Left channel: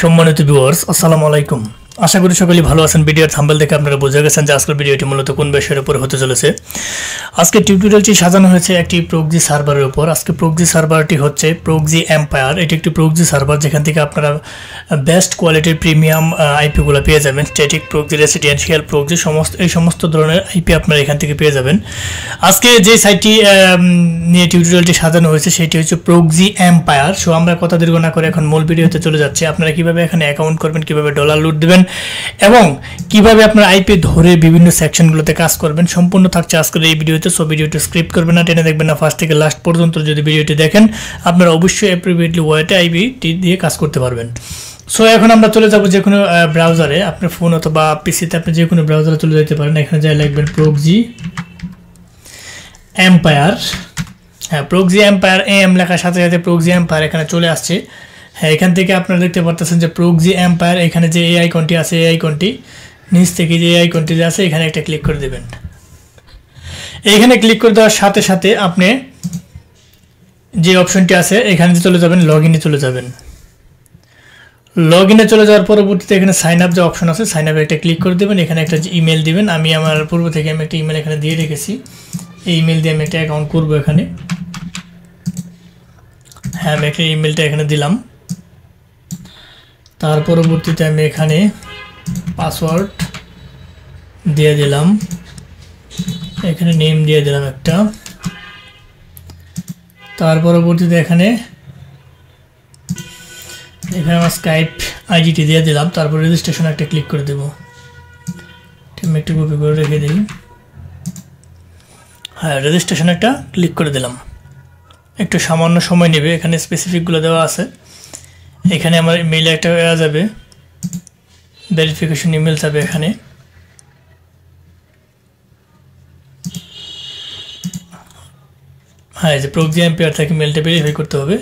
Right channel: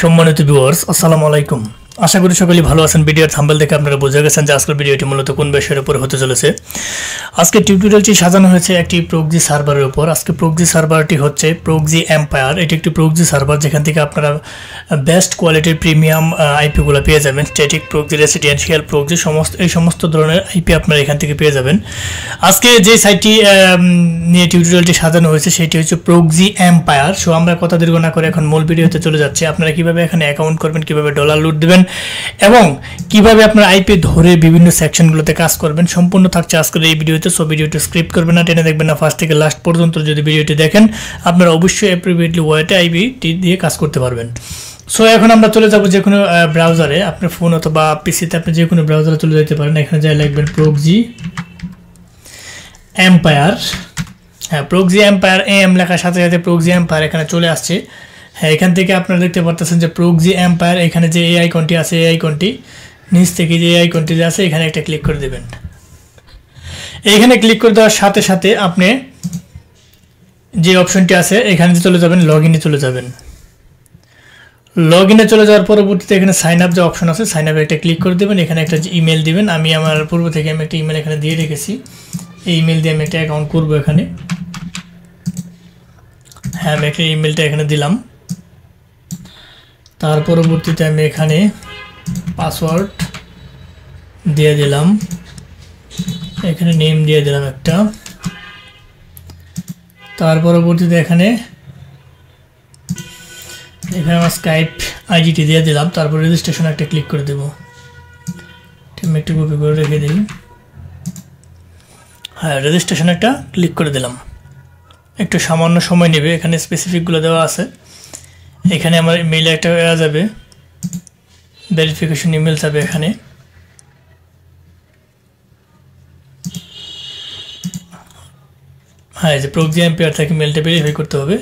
সম্মানিত ভিউয়ার্স আসসালামু আলাইকুম। আশা করি সকলেই ভালো আছেন। ভিডিওর থাম্বনেল দেখে আপনারা বুঝে গেছেন যে আজকের ভিডিওটি মূলত কোন বিষয়ের উপর হতে চলেছে। আজকে টিউটোরিয়ালটি সাজানো হয়েছে একটি প্রক্সি সার্ভারের উপর। আজকে প্রক্সি সার্ভারটি হচ্ছে প্রক্সি এম্পায়ার। এটি একটি প্রক্সি সার্ভার যেখান থেকে আপনারা বেস্ট কোয়ালিটির প্রিমিয়াম আইপিগুলো পেয়ে যাবেন। স্ট্যাটিক প্রক্সি, রেসিডেন্সিয়াল প্রক্সি, সমস্ত ধরনের আইপি আপনারা এখান থেকে পেয়ে যাবেন। আজকে যে সাইটটি নিয়ে টিউটোরিয়ালটি সাজানো হয়েছে সেটি হচ্ছে প্রক্সি এম্পায়ার। সো আমরা কথা দীর্ঘ না করে এখন মূল ভিডিওতে চলে যাচ্ছি। আপনারা কিভাবে এখানে অ্যাকাউন্ট করবেন, কিভাবে ডলার লুট দেবেন এবং কিভাবে আপনার আইপি ধরে বিভিন্ন সেকশনগুলোতে কাজ করবেন সম্পূর্ণ থাকছে আজকের এই ভিডিওতে। সো ভিডিওটি স্ক্রিপ্ট করবেন না, টেনে দেখবেন না, ফার্স্ট থেকে লাস্ট পর্যন্ত যদি ভিডিওটি দেখেন আপনারা অবশ্যই অ্যাপ্রোপ্রিয়েটলি ওয়েতে আইপিটি দিয়ে কাজ করতে পারবেন। সো এখন আমরা চলে যাব যে কোনো ব্রাউজারে, আপনার ফোন অথবা পিসিতে আপনি যে কোনো ব্রাউজারে চলে যেতে পারেন। এখানে যাই লিখবেন প্রক্সি এম্পায়ার। হ্যাঁ, প্রক্সি এম্পায়ার এম লেখার সাথে সাথে প্রক্সি এম্পায়ার এখানে চলে আসছে। হ্যাঁ, এখান থেকে আপনারা দেখতে পারতেছেন যে প্রক্সি এম্পায়ার, এখানে যে এই আইকনটি আছে, এই আইকনটি নিচ থেকে যে এই আইকনটি যে আছে এখানে একটা ক্লিক করে দেবেন। এইখানে ক্লিক করে দেওয়ার সাথে সাথে আপনি যে অপশনটি আছে এখানে চলে যাবেন, লগ ইনে চলে যাবেন। লগ ইনে চলে যাওয়ার পরবর্তীতে এখানে সাইন আপ যে অপশন আছে, সাইন আপে একটা ক্লিক করে দেবেন। এখানে একটা ইমেল দিবেন। আমি আমার পূর্ব থেকে আমি একটা ইমেল এখানে দিয়ে রেখেছি। এই ইমেল দিয়ে আমি একটা অ্যাকাউন্ট করবো এখানে। হ্যাঁ, আমি একটা ইমেলটা এখানে দিলাম। তার পরবর্তীতে আমি এখানে পাসওয়ার্ড দিয়ে দিলাম, এখানে নেম দিয়ে দিলাম একটা। তার পরবর্তীতে এখানে আমার স্কাইপ আইডিটি দিয়ে দিলাম। তারপর রেজিস্ট্রেশন একটা ক্লিক করে দেব। আমি একটু কপি করে রেখে দিই। হ্যাঁ, রেজিস্ট্রেশন একটা ক্লিক করে দিলাম। একটু সামান্য সময় নেবে, এখানে স্পেসিফিকগুলো দেওয়া আছে। এখানে আমার মেইলে একটা যাবে, ভেরিফিকেশন ইমেল যাবে এখানে। হ্যাঁ, এই যে প্রক্সি এম্পায়ার থেকে মেলটা ভেরিফাই করতে হবে।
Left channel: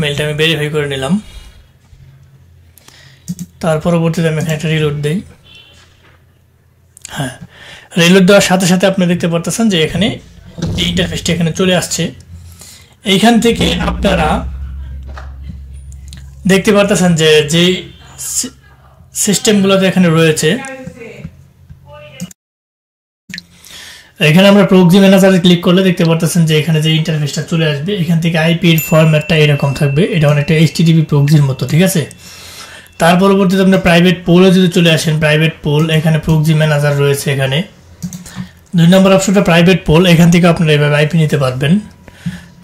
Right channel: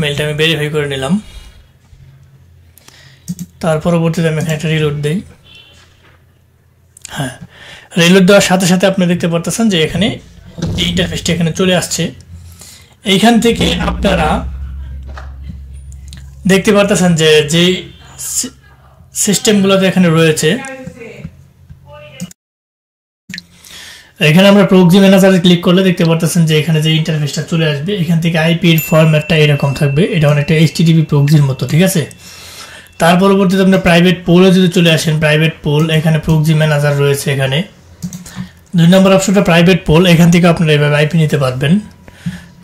মেলটা আমি ভেরিফাই করে নিলাম। তার পরবর্তীতে আমি এখানে একটা রিলোড দিই। হ্যাঁ, রিলোড দেওয়ার সাথে সাথে আপনি দেখতে পারতেছেন যে এখানে এই ইন্টারফেসটা এখানে চলে আসছে। এইখান থেকে আপনারা দেখতে পারতেছেন যে যে সিস্টেমগুলোতে এখানে রয়েছে, এখানে আমরা প্রক্সি ম্যানেজারে ক্লিক করলে দেখতে পারতেছেন যে এখানে যে ইন্টারফেসটা চলে আসবে। এখান থেকে আইপির ফরম্যাটটা এরকম থাকবে, এটা অনেকটা এইচটিটিপি প্রক্সির মতো, ঠিক আছে। তার পরবর্তীতে আপনার প্রাইভেট পোলে যদি চলে আসেন, প্রাইভেট পোল, এখানে প্রক্সি ম্যানেজার রয়েছে। এখানে 2 নম্বর অপশনটা প্রাইভেট পোল, এখান থেকে আপনারা এইভাবে আইপি নিতে পারবেন।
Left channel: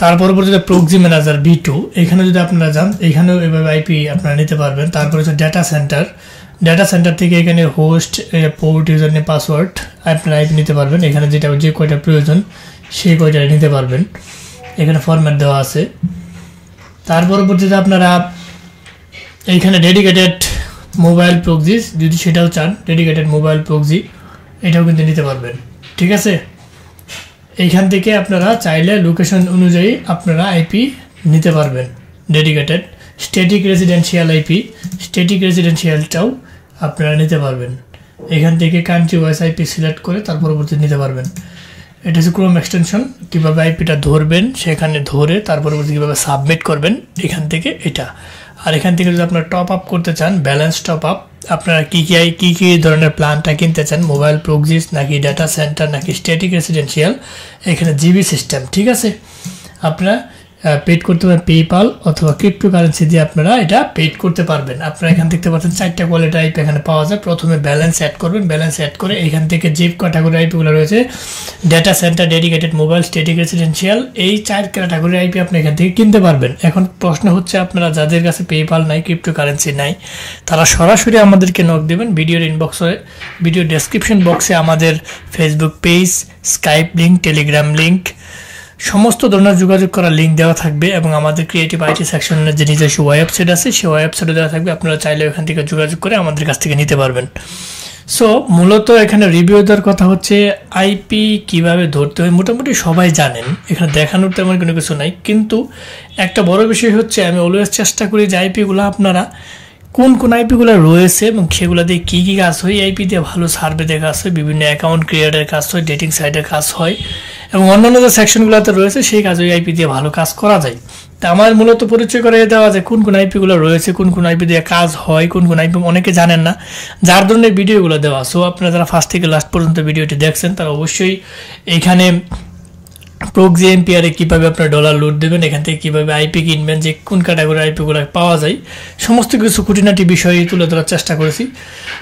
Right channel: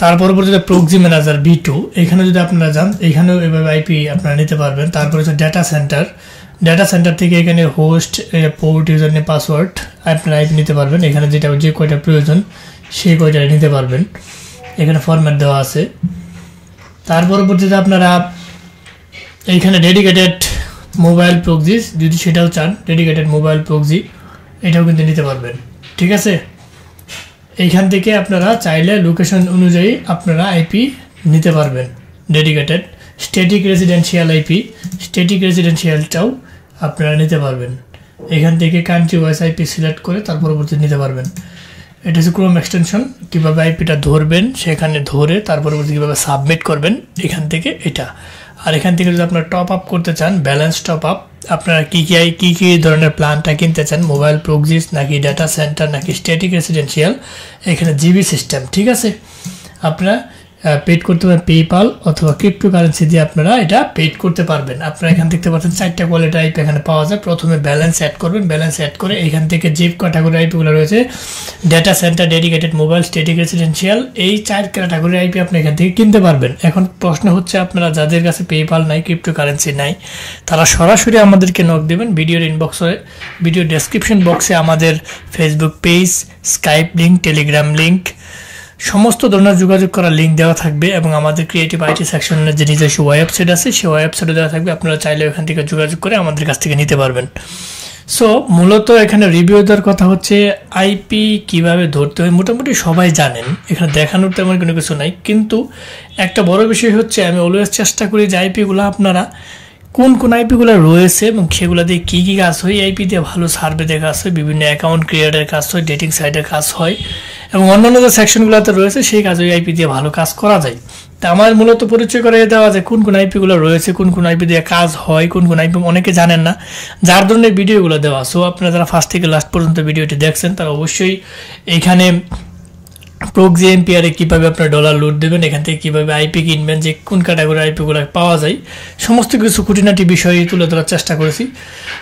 তার পরবর্তীতে প্রক্সি ম্যানেজার V2, এখানে যদি আপনারা যান এখানেও এভাবে আইপি আপনারা নিতে পারবেন। তারপরে হচ্ছে ডাটা সেন্টার, ডাটা সেন্টার থেকে এখানে host, port, user name, password আপনারা আইপি নিতে পারবেন। এখানে যেটা যে কয়টা প্রয়োজন সেই কয়টা নিতে পারবেন। এখানে ফরম্যাট দেওয়া আছে। তার পরবর্তীতে আপনারা এইখানে ডেডিকেটেড মোবাইল প্রক্সি যদি সেটাও চান, ডেডিকেটেড মোবাইল প্রক্সি এটাও কিন্তু নিতে পারবেন, ঠিক আছে। এইখান থেকে আপনারা চাইলে লোকেশন অনুযায়ী আপনারা আইপি নিতে পারবেন। Dedicated static residential IP, static রেসিডেন্সিয়ালটাও আপনারা নিতে পারবেন। এখান থেকে কান্ট্রি ওয়াইজ আইপি সিলেক্ট করে তার পরবর্তী নিতে পারবেন। এটা হচ্ছে ক্রোম এক্সটেনশন, কীভাবে আইপিটা ধরবেন সেখানে ধরে তার পরবর্তী কীভাবে সাবমিট করবেন এখান থেকে এটা। আর এখান থেকে যদি আপনারা টপ আপ করতে চান, ব্যালেন্স টপ আপ, আপনারা কী ধরনের প্ল্যানটা কিনতে চান, মোবাইল প্রক্সিস নাকি ডাটা সেন্টার নাকি স্ট্যাটিক রেসিডেন্সিয়াল, এখানে জিবি সিস্টেম, ঠিক আছে। আপনারা পেড করতে পারেন পেপাল অথবা ক্রিপ্টোকারেন্সি দিয়ে আপনারা এটা পেড করতে পারবেন। আপনারা এখান দেখতে পাচ্ছেন 4টা কোয়ালিটি আইপি এখানে পাওয়া যায়। প্রথমে ব্যালেন্স অ্যাড করবেন, ব্যালেন্স অ্যাড করে এখান থেকে যে ক্যাটাগরি আইপিগুলো রয়েছে, data centre, dedicated mobile, static residential, এই 4 ক্যাটাগরি আইপি আপনি এখান থেকে কিনতে পারবেন। এখন প্রশ্ন হচ্ছে আপনারা যাদের কাছে পেপাল নাই, ক্রিপ্টোকারেন্সি নাই, তারা সরাসরি আমাদেরকে নক দেবেন। ভিডিওর ইনবক্সে, ভিডিও ডেসক্রিপশন বক্সে আমাদের Facebook page, Skype link, Telegram link, সমস্ত ধরনের যোগাযোগ করার লিঙ্ক দেওয়া থাকবে এবং আমাদের ক্রিয়েটিভ আইটি সেকশনের যে নিজস্ব ওয়েবসাইট আছে সেই ওয়েবসাইটে দেওয়া থাকবে। আপনারা চাইলে ওখান থেকে যোগাযোগ করে আমাদের কাছ থেকে নিতে পারবেন। সো মূলত এখানে রিভিউ দেওয়ার কথা হচ্ছে আইপি কিভাবে ধরতে হয় মোটামুটি সবাই জানেন, এখানে দেখানোর তেমন কোনো কিছু নাই। কিন্তু একটা বড় বিষয় হচ্ছে আমি অলওয়েজ চেষ্টা করি যে আইপিগুলো আপনারা কোন কোন আইপিগুলো রয়েছে এবং সেগুলো দিয়ে কী কী কাজ হয়। আইপি দিয়ে ভালো সার্ভে দিয়ে কাজ হয়, বিভিন্ন অ্যাকাউন্ট ক্রিয়েটের কাজ হয়, ডেটিং সাইটের কাজ হয় এবং অন্যান্য যে সেকশনগুলোতে রয়েছে সেই কাজ ওই আইপি দিয়ে ভালো কাজ করা যায়। তা আমার মূলত পরিচয় করে দেওয়া যায় কোন কোন আইপি গুলো রয়েছে, কোন কোন আইপি দিয়ে কাজ হয়, কোন কোন আইপি অনেকে জানেন না, যার ধরনের ভিডিওগুলো দেওয়া। সো আপনারা যারা ফার্স্ট থেকে লাস্ট পর্যন্ত ভিডিওটি দেখছেন তারা অবশ্যই এখানে প্রক্সি এমপিআর কিভাবে আপনার ডলার লুট দেবেন, এখান থেকে কিভাবে আইপি কিনবেন, যে কোন ক্যাটাগরি আইপি গুলো পাওয়া যায়, সমস্ত কিছু খুঁটিনাটি বিষয়ে তুলে ধরার চেষ্টা করেছি।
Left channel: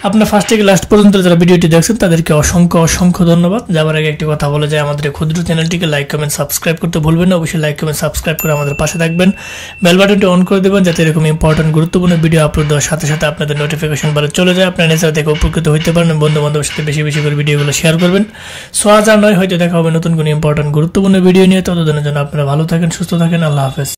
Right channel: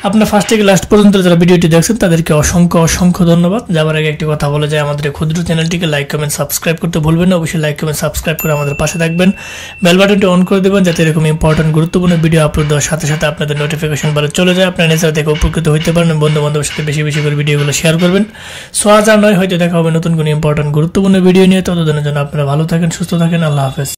আপনার ফার্স্ট থেকে লাস্ট পর্যন্ত যারা ভিডিওটি দেখছেন তাদেরকে অসংখ্য অসংখ্য ধন্যবাদ। যাবার আগে একটি কথা বলে যায়, আমাদের ক্ষুদ্র চ্যানেলটিকে লাইক কমেন্ট সাবস্ক্রাইব করতে ভুলবেন না। অবশ্যই লাইক কমেন্ট সাবস্ক্রাইব করে আমাদের পাশে থাকবেন, বেল বাটনটি অন করে দেবেন যাতে এরকম ইম্পর্টেন্ট গুরুত্বপূর্ণ ভিডিও আপলোড দেওয়ার সাথে সাথে আপনাদের নোটিফিকেশন বারে চলে যায়, আপনার নিজেরা দেখে উপকৃত হতে পারেন। বন্ধু বান্ধবের সাথে বেশি বেশি করে ভিডিওগুলো শেয়ার করবেন। সো আজ আর নয়, হয়তো দেখা হবে নতুন কোনো ইম্পর্টেন্ট গুরুত্বপূর্ণ ভিডিও নিয়ে। ততদিনের জন্য আপনারা ভালো থাকেন, সুস্থ থাকেন। আল্লাহ হাফেজ।